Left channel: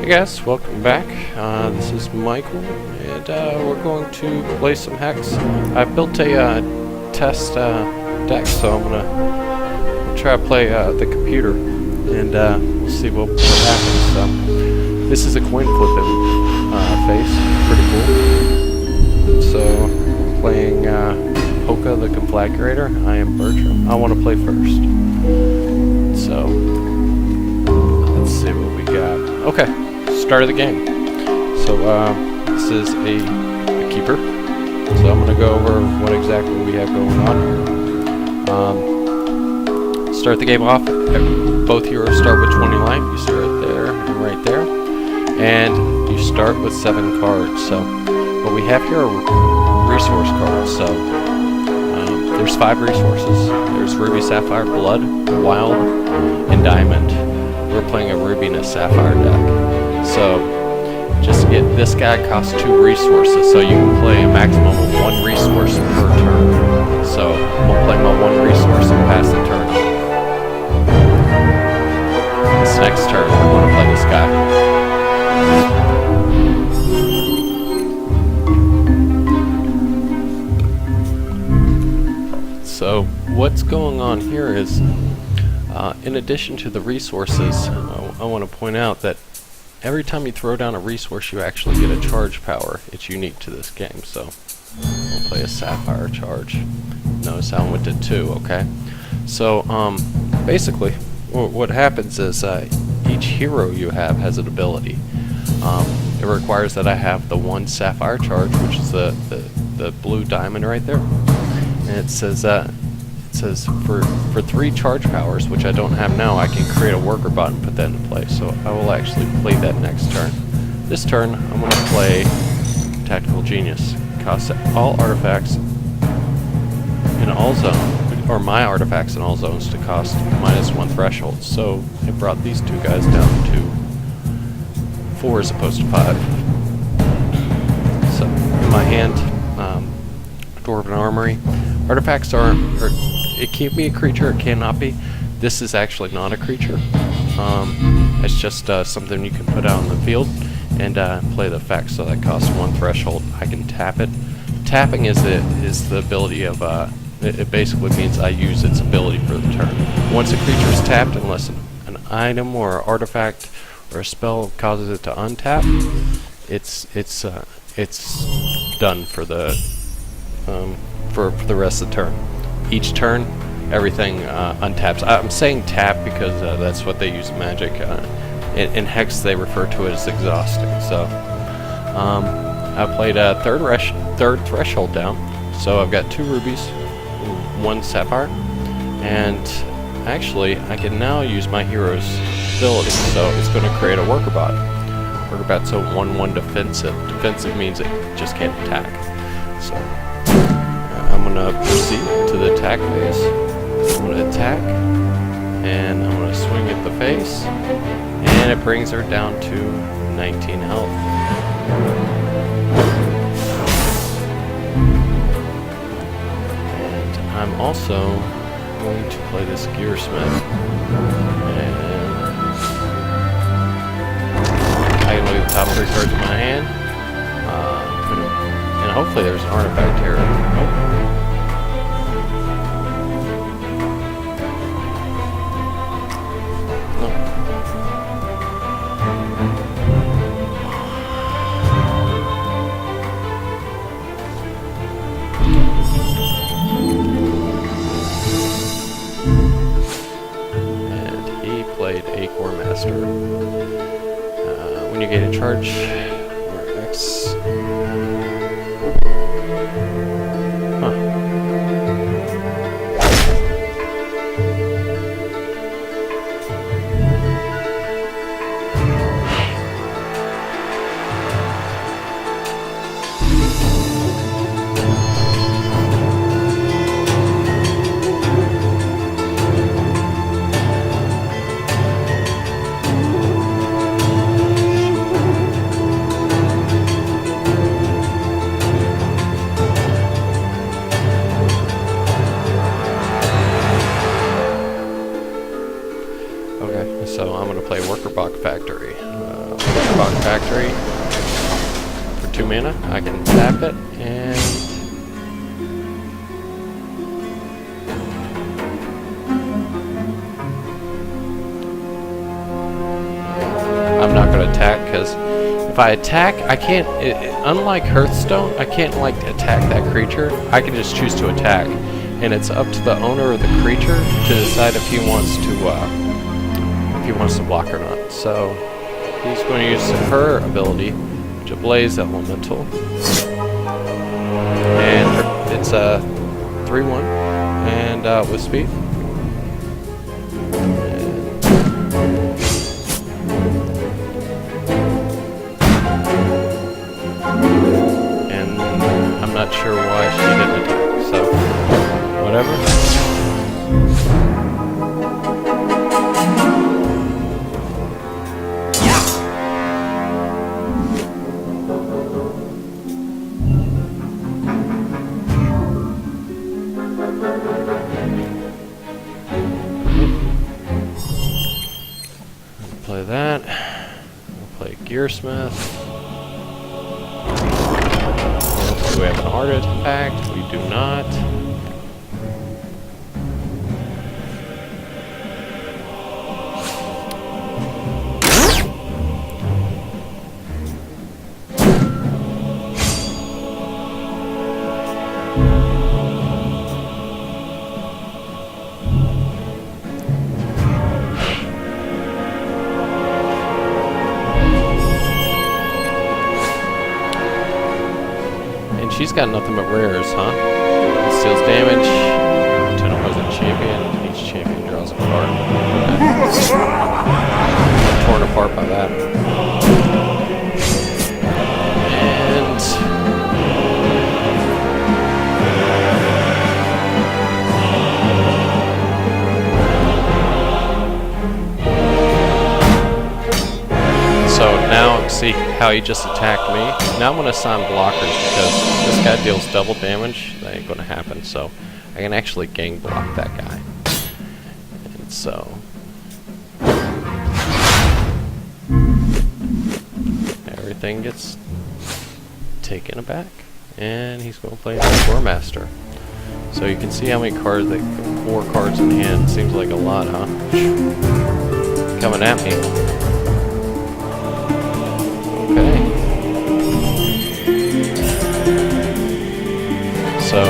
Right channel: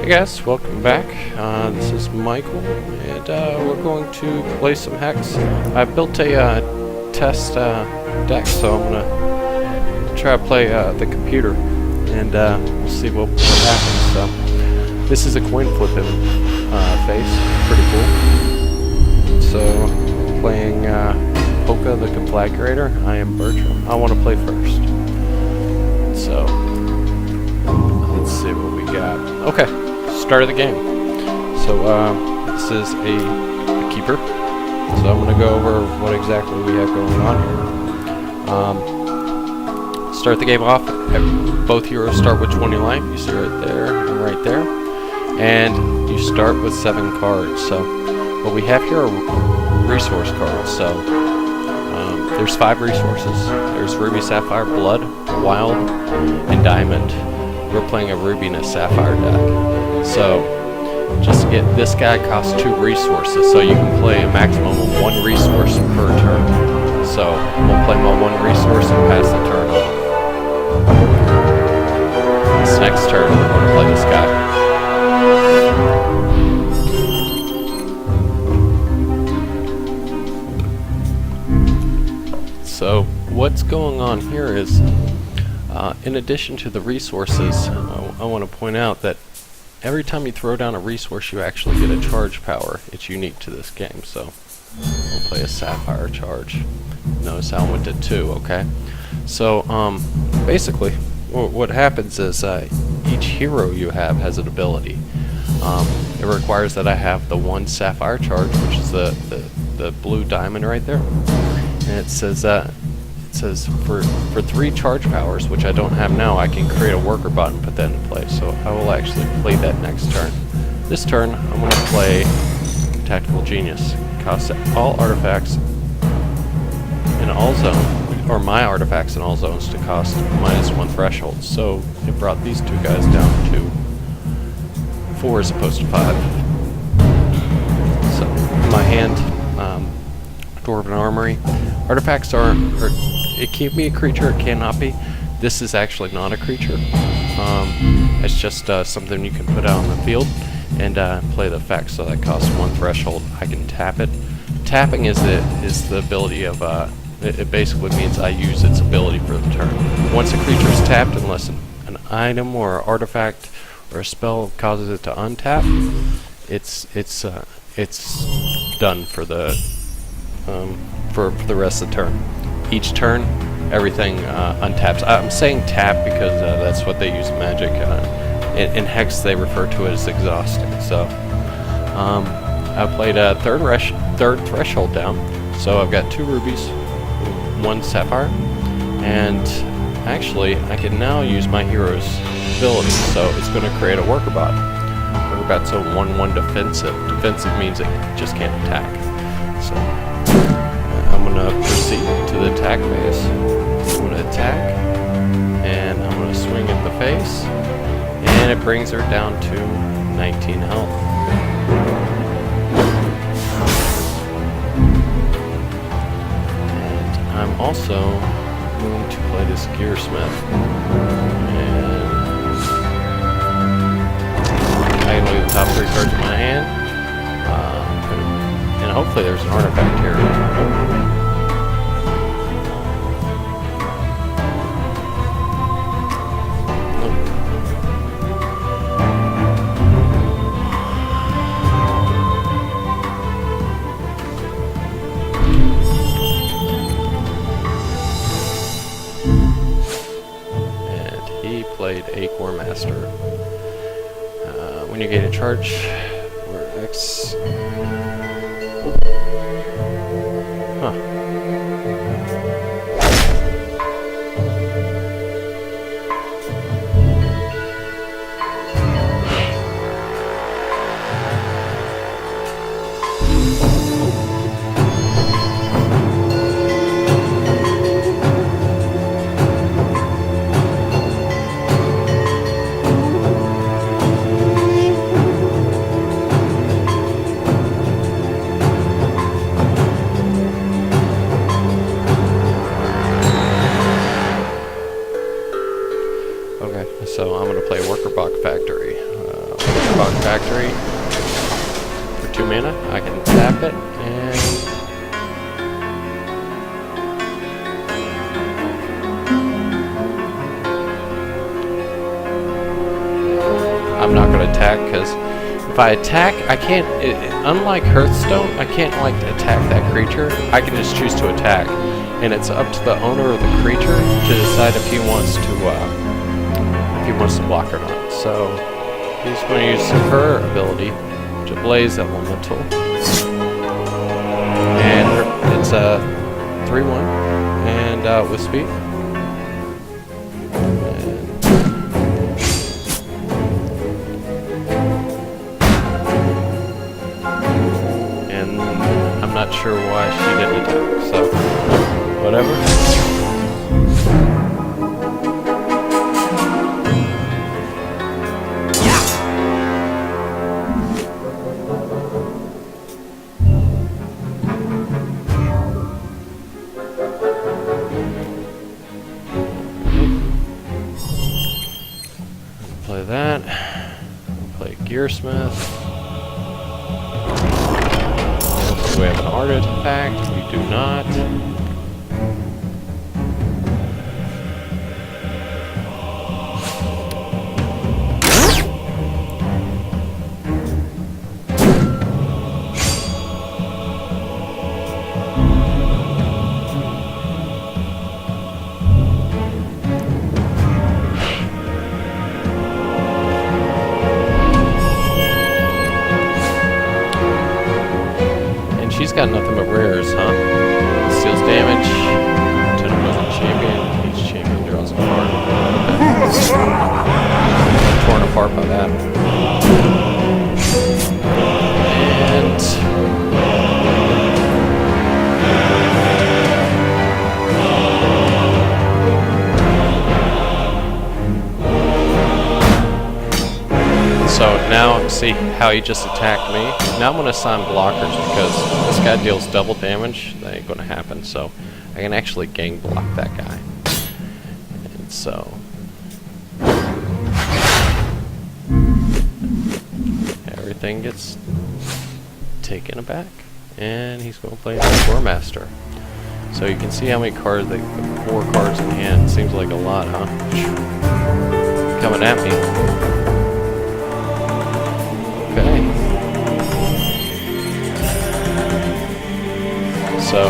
Hey guys, welcome back. This is Michael, and we're going to play some Hex. I've built a test deck, so I'm gonna try to play the computer, and we'll see what happens. So this is a coin flipping face, pretty cool. So playing Polka the Conflagrator. I am Bertram. I want to play first. So let's see what we got. Okay. Start of the game. So this is a keeper. So I'm going to go over what exactly we have going on here. Start the game off. Both heroes start with 20 life. You see right there and right there. And you start with 7 cards. So what we have here are resource cards. So there's 5 resources. There's Ruby, Sapphire, Blood, Wild, and Diamond. We're playing a Ruby and a Sapphire deck. So, just to get this guy costs 2 resources, so you can play a maximum of 1 resource per turn. So, we'll play my 1 resource and pass the turn off. This next turn, we're going to play this guy. So, what's going on here is, in addition to the resources, I want to point out that every time you throw down a resource, you actually get a charge power. It's unique to this game, so we'll play a Sapphire charge. Notice how I went to 2, okay? So, basically, what happens is each hero you have has an ability. It requires that I have the 1 Sapphire charge, which is the blue diamond right there. And it says for 3 charge powers, which I don't have now, I can create a worker bot and put that into play. So I will actually play that next turn. This turn, I'm going to play Tactical Genius. Costs all artifacts in all zones, or my artifacts in all zones, to cost -1 threshold. So it brought these 2 guys down to 4 as opposed to 5. So in my hand, Dwarf and Armory. Artifacts are it can be a creature, it cannot be. This is actually not a creature. It's just something you can put out in the field and play the effect. So that costs 1 threshold. I can tap it. Tapping is the ability of it basically means I use its ability for the turn. Once a creature is tapped, unless an item or an artifact or a spell causes it to untap, it's done for the rest of the turn. Each turn, everything untaps. I'm saying tap because that's what they use in Magic. In Hex, they refer to it as exhausting. So, I played a third threshold down. So I've got 2 rubies, 1 sapphire, and actually, I can now use my hero's ability. So it's going to create a worker bot. Worker bot's a 1/1 defensive. Defensive means it just can't attack. So I'm going to proceed to the attack phase. I'm going to attack, and I'm going to swing at the face, and it brings her down to 19 health. And I'm also going to play this Gearsmith, and I can look at the top 3 cards in my hand, and hopefully there's an artifact here. Nope. And he played Acorn Master. When you gain a charge, or X. Huh. Firebox Factory for 2 mana. I can tap it, and I'm not going to attack, because if I attack, I can't, unlike Hearthstone, I can't like attack that creature. I can just choose to attack, and it's up to the owner of the creature to decide if he wants to block or not. So he's going to use her ability, which is Blaze Elemental, and it's a 3/1 and with speed. I'm not sure why she didn't attack, so whatever. Play that. We'll play Gearsmith. Do we have an artifact? We do not. She's got nothing but rares, huh? Steals damage. Ten opposing champion. Each champion draws a card. Okay. I'm torn apart by that. And so now, see how he just attacked me? Now I'm going to assign blockers, because this guy deals double damage. That ain't going to happen, so I can actually gang block that guy. And so everything gets taken aback. And he's going to play Door Master. So you can see how many cards, 4 cards in hand. Seems like a lot, huh? Coming at me. Okay. So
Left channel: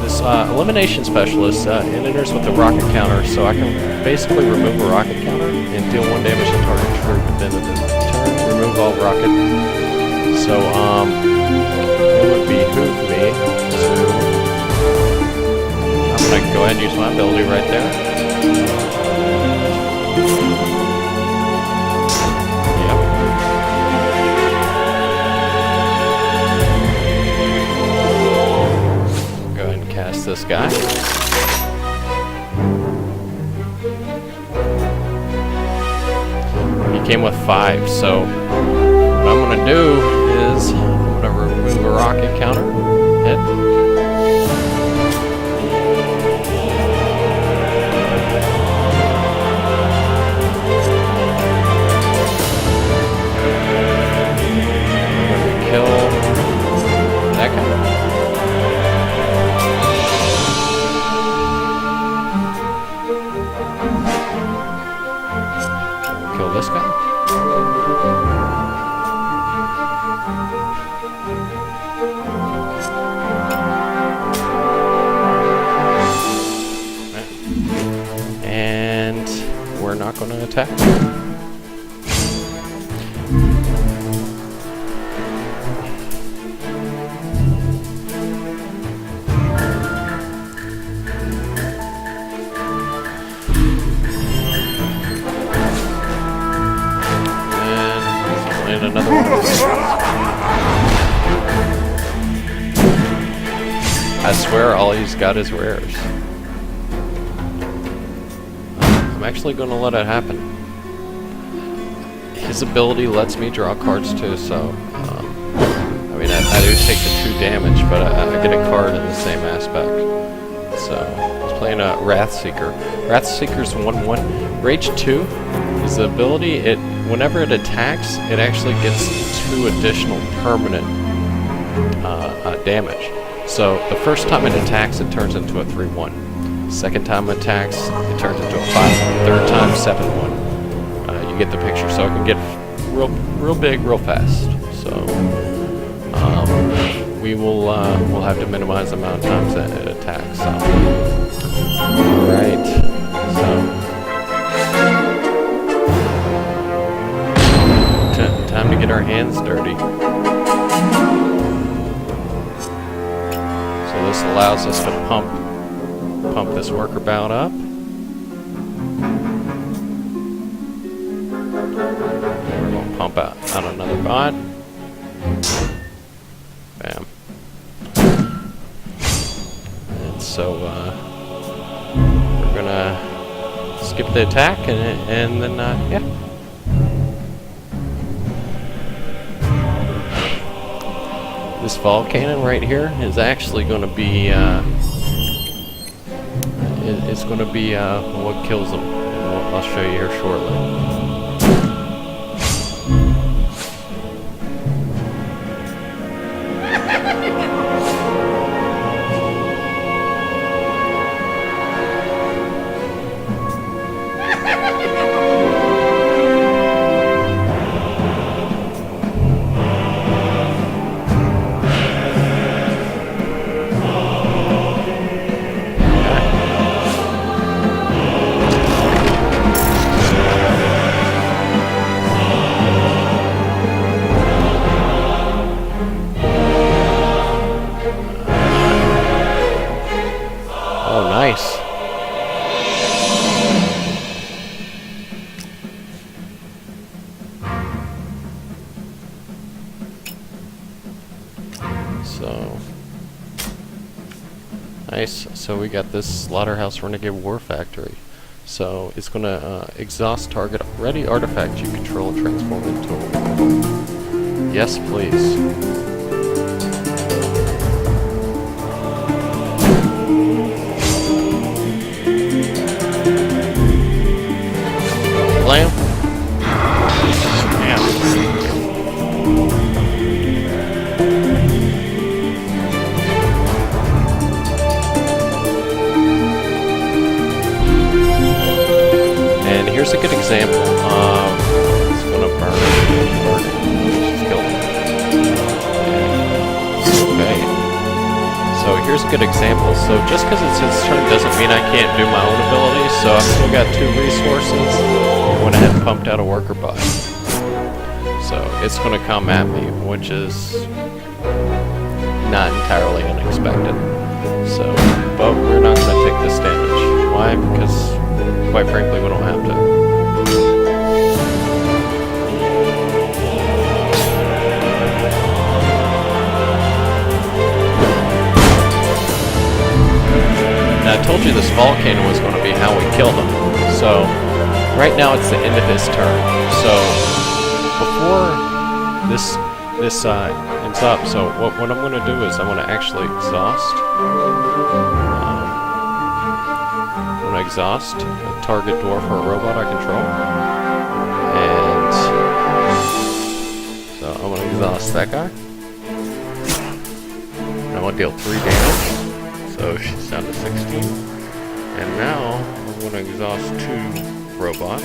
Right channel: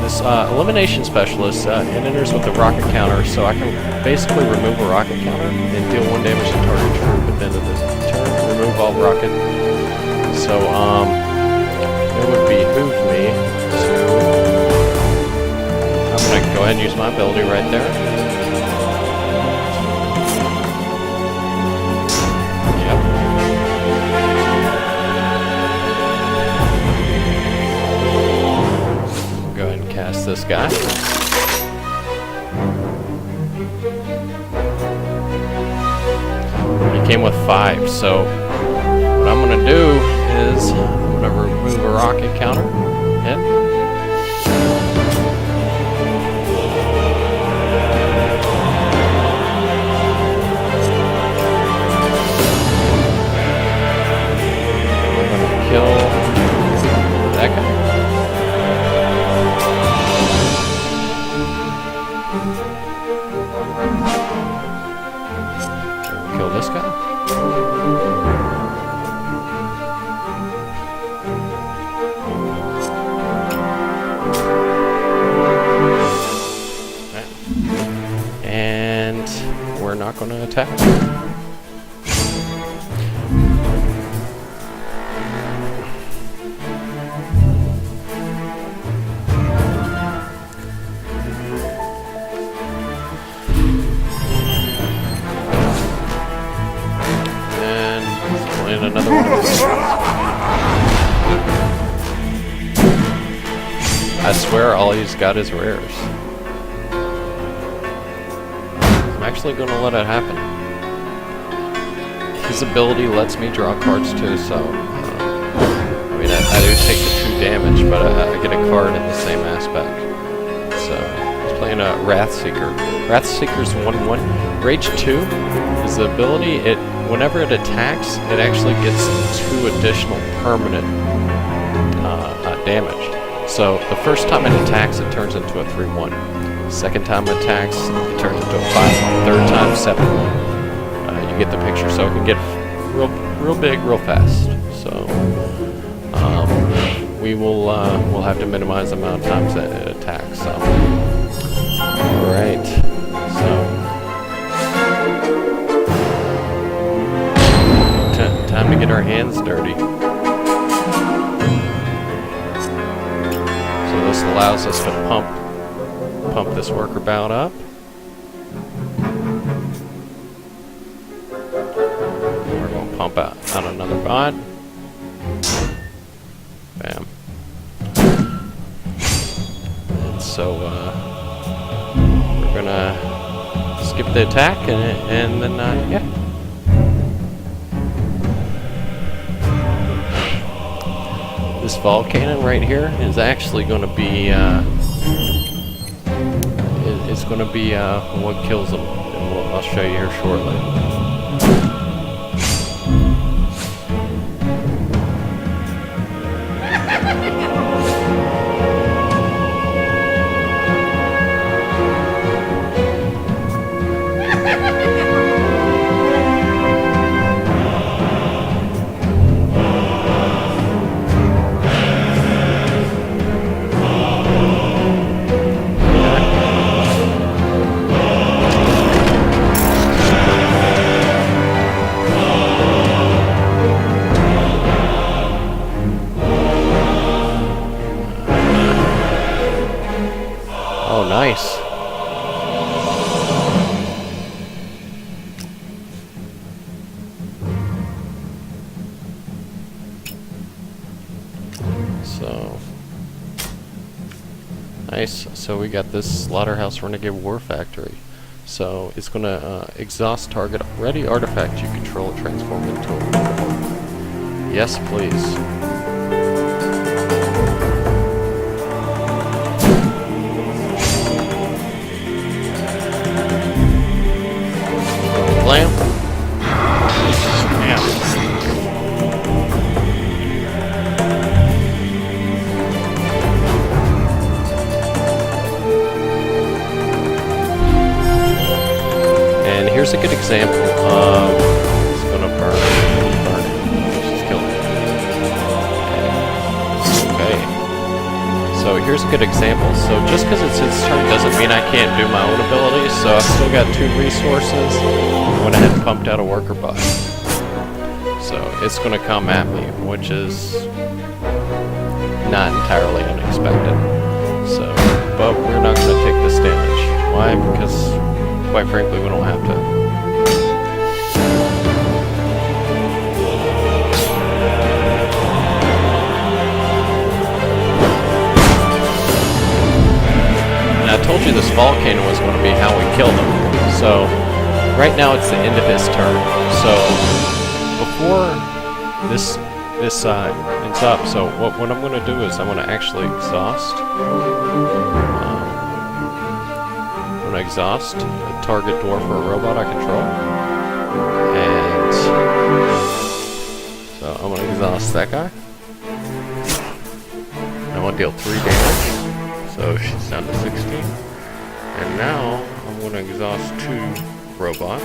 this elimination specialist it enters with a rocket counter, so I can basically remove a rocket counter and deal 1 damage to target troop at the end of the turn. Remove all rocket. So it would behoove me to. I'm gonna go ahead and use my ability right there. Cast this guy. He came with 5, so what I'm going to do is I'm going to remove a rocket counter. Hit. And we're going to kill that guy. Kill this guy. Right. And we're not going to attack. Another one of those. I swear all he's got is rares. I'm actually going to let it happen. His ability lets me draw cards too, so I mean I do take the 2 damage, but I get a card in the same aspect. So he's playing a Wrathseeker. Wrathseeker's 1/1. Rage 2 is the ability. whenever it attacks, it actually gets 2 additional permanent damage. So the first time it attacks, it turns into a 3-1. Second time it attacks, it turns into a 5-1. Third time, 7-1. You get the picture. So it can get real big, real fast. So we'll have to minimize the amount of times that it attacks. So, all right. So time to get our hands dirty. So this allows us to pump this worker bout up. And we're going to pump out another bot. Bam. And so we're going to skip the attack and then, yeah. This vol cannon right here is actually going to be what kills them, and I'll show you here shortly. Oh, nice. So, nice. So we got this Slaughterhouse Renegade War Factory. So it's going to exhaust target ready artifact you control and transform into a warhawk. Yes, please. Blam. Damn. And here's a good example of it's gonna burn it. She's killed it. Okay. So here's a good example. So just because it's its turn doesn't mean I can't do my own abilities. So I've still got 2 resources. Went ahead and pumped out a worker bot. So it's going to come at me, which is not entirely unexpected. So, but we're not going to take this damage. Why? Because, quite frankly, we don't have to. And I told you this volcano was going to be how we kill them. So right now it's the end of his turn. So before this ends up, so what I'm going to do is I'm going to actually exhaust. I'm going to exhaust a target dwarf or a robot I control. And so I'm going to exhaust that guy. I'm going to deal 3 damage. So she's down to 16. And now I'm going to exhaust 2 robots.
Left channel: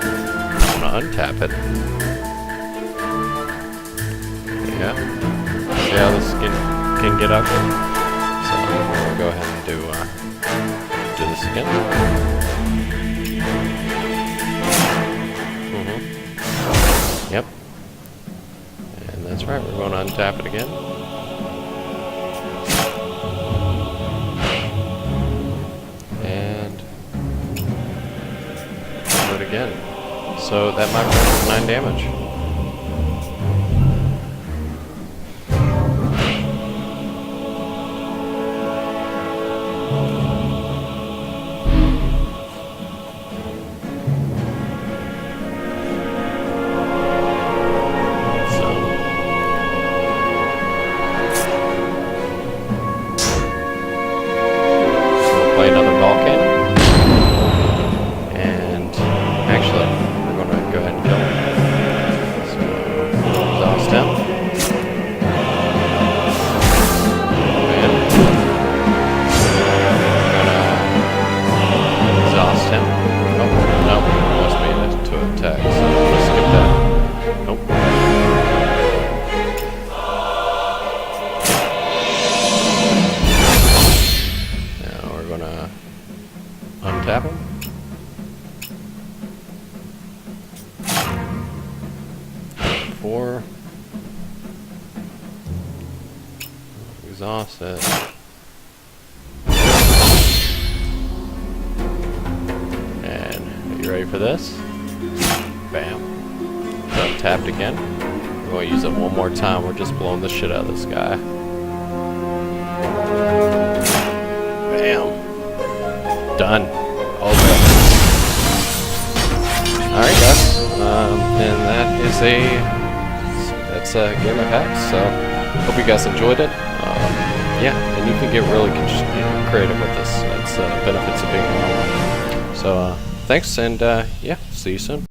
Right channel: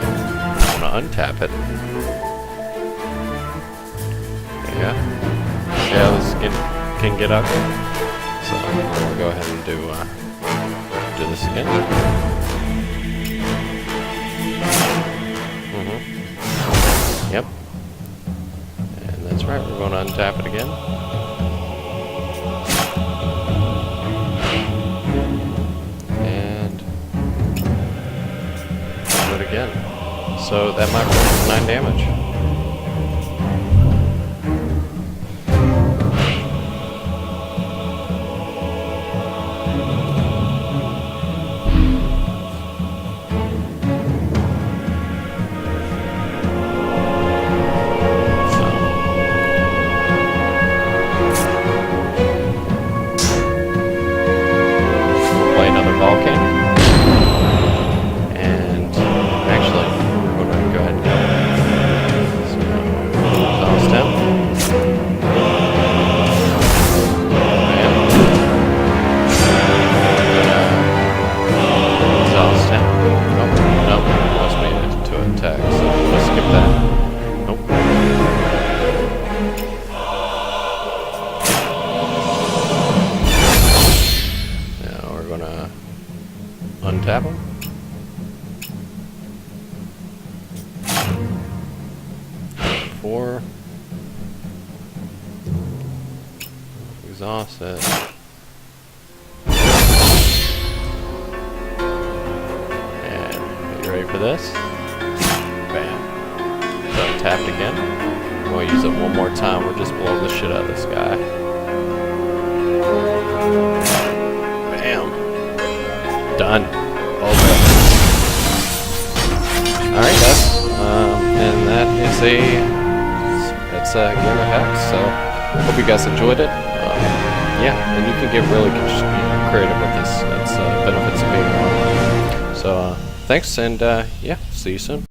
I'm going to untap it. Yeah. See how this can get ugly? So I'm going to go ahead and do this again. Yep. And that's right, we're going to untap it again. Again. So that might bring 9 damage. So we'll play another volcano. Actually, we're going to go attack, so I'm gonna skip that. Nope. Now we're gonna untap him. Four. Exhaust it. And are you ready for this? Bam. So tapped again. We're going to use it one more time. We're just blowing the shit out of this guy. Bam. Done. Okay. Alright guys. And that is it's a game of Hex, so hope you guys enjoyed it. Yeah, and you can get really creative with this. That's benefits of being online. So thanks, and yeah, see you soon.